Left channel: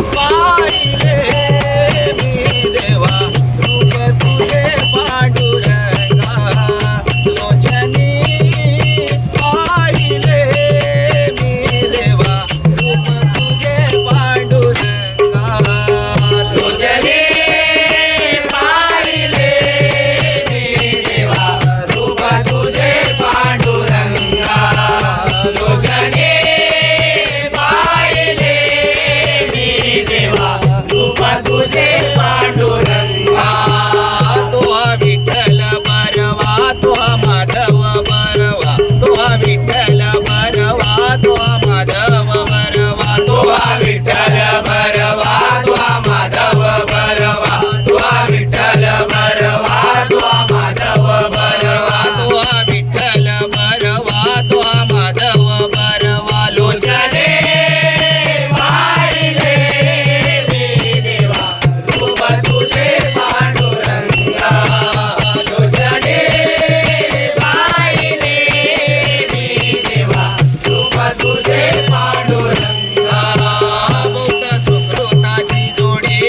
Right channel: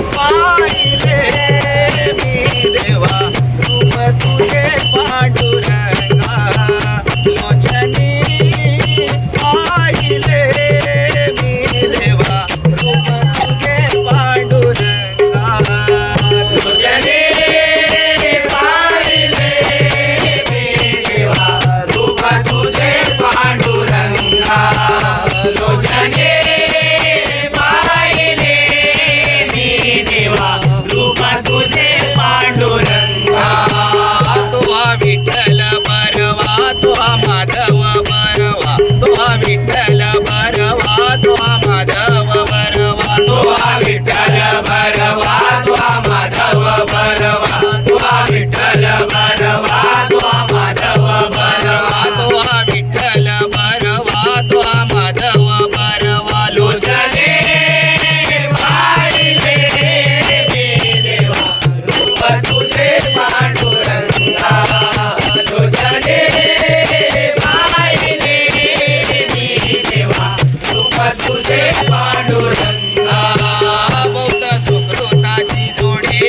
पाहिले मी देवा रूप तुझे पांडुरंगा लोचनी पाहिले मी देवा रूप तुझे पांडुरंगा लोचनी पाहिले मी देवा रूप तुझे पांडुरंगा लोचनी तुझे पांडुरंगा तो विठ्ठल बरवा तो माधव बरवा तो विठ्ठल बरवा तो माधव बरवा तो विठ्ठल बरवा तो माधव बरवा तो विठ्ठल बरवा तो माधव बरवा तो विठ्ठल बरवा तो माधव बरवा लोचने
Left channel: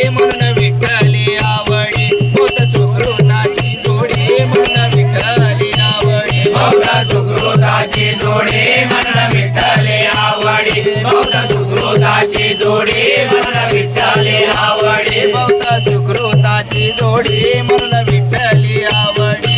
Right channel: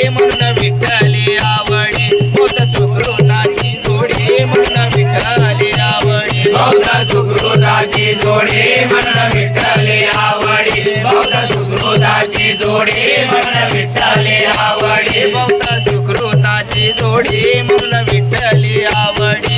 विठ्ठली आवडी बहुत सुकृताची जोडी मन विठ्ठली आवडी बहुत सुकृताची जोडी मन विठ्ठली आवडी बहुत सुकृताची जोडी मन विठ्ठली आवडी बहुत सुकृताची जोडी मन विठ्ठली आवडी